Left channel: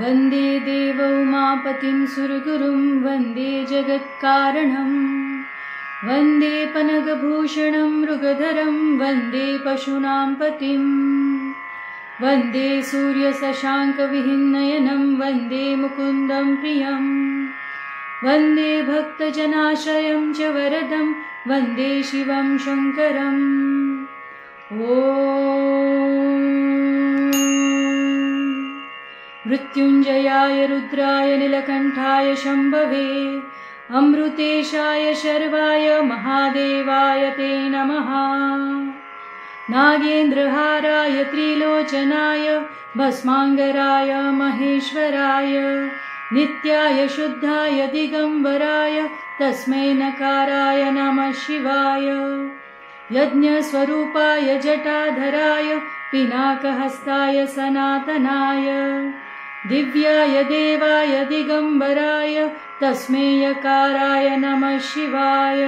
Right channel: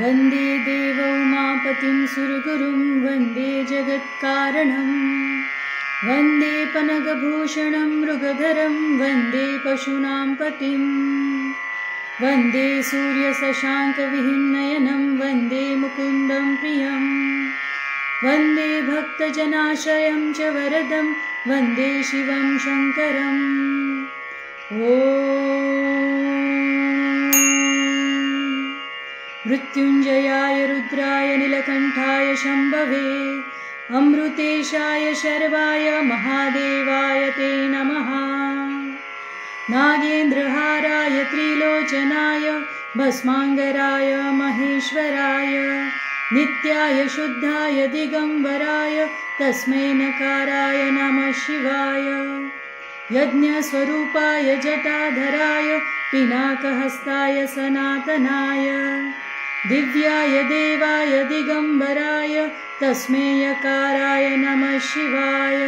वन्दे देव उमापतिं सुरगुरुं वन्दे जगत्कारणं वन्दे पनगभूषणं मृगधरं वन्दे पशूनां पतिं वन्दे सूर्यशशाङ्कविहिनयनं वन्दे मुकुन्दं प्रियं वन्दे भक्तजनाश्रयं च वरदं वन्दे शिवं शङ्करम् मृत्युञ्जयाय रुद्राय नीलकण्ठाय शम्भवे अमृतेशाय शर्वाय महादेवाय ते नमः। नागेन्द्रहाराय त्रिलोचनाय भस्माङ्गराय महेश्वराय नित्याय शुद्धाय दिगम्बराय तस्मै नकाराय नमः शिवाय। यज्ञस्वरूपाय जटाधराय पिनाकहस्ताय सनातनाय दिव्याय देवाय दिगम्बराय तस्मै यकाराय नमः शिवाय।